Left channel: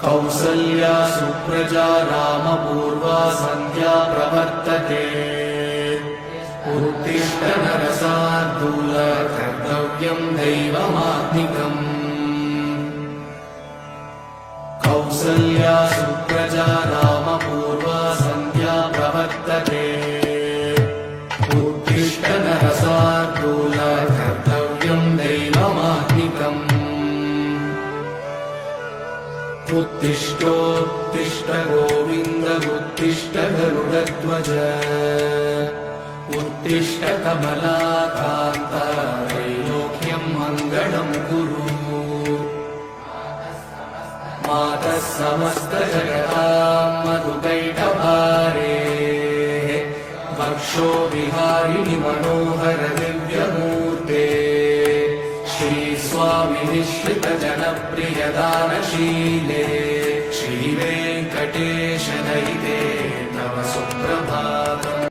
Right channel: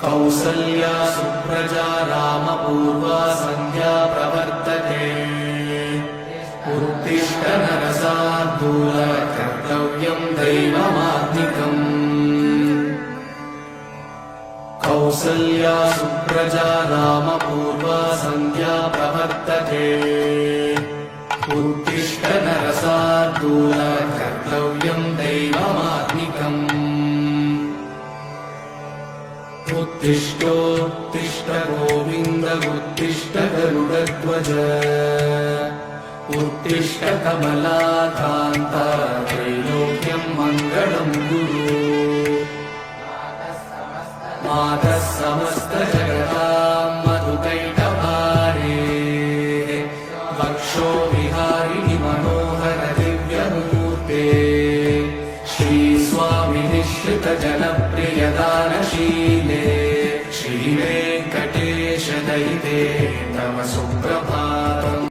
कौसल्या सुप्रजा रामपूर्वा सन्ध्या प्रवर्तते। उत्तिष्ठ नरशार्दूल कर्तव्यं दैवमात्मिकम्। कौसल्या सुप्रजा रामपूर्वा सन्ध्या प्रवर्तते। उत्तिष्ठ नरशार्दूल कर्तव्यं दैवमात्मिकम्। उत्तिष्ठोत्तिष्ठ गोविन्द उत्तिष्ठ गरुडध्वज। उत्तिष्ठ कमलाकान्त त्रैलोक्यं मङ्गलं कुरु। मातः समस्त जगतां मधुकैटभारे। वक्षो विहारिणि मनोहर दिव्यमूर्ते। श्रीस्वामि निःश्रित जनप्रिय दानशीले। श्रीवेङ्कटेश दयिते तव सुप्रभातम्।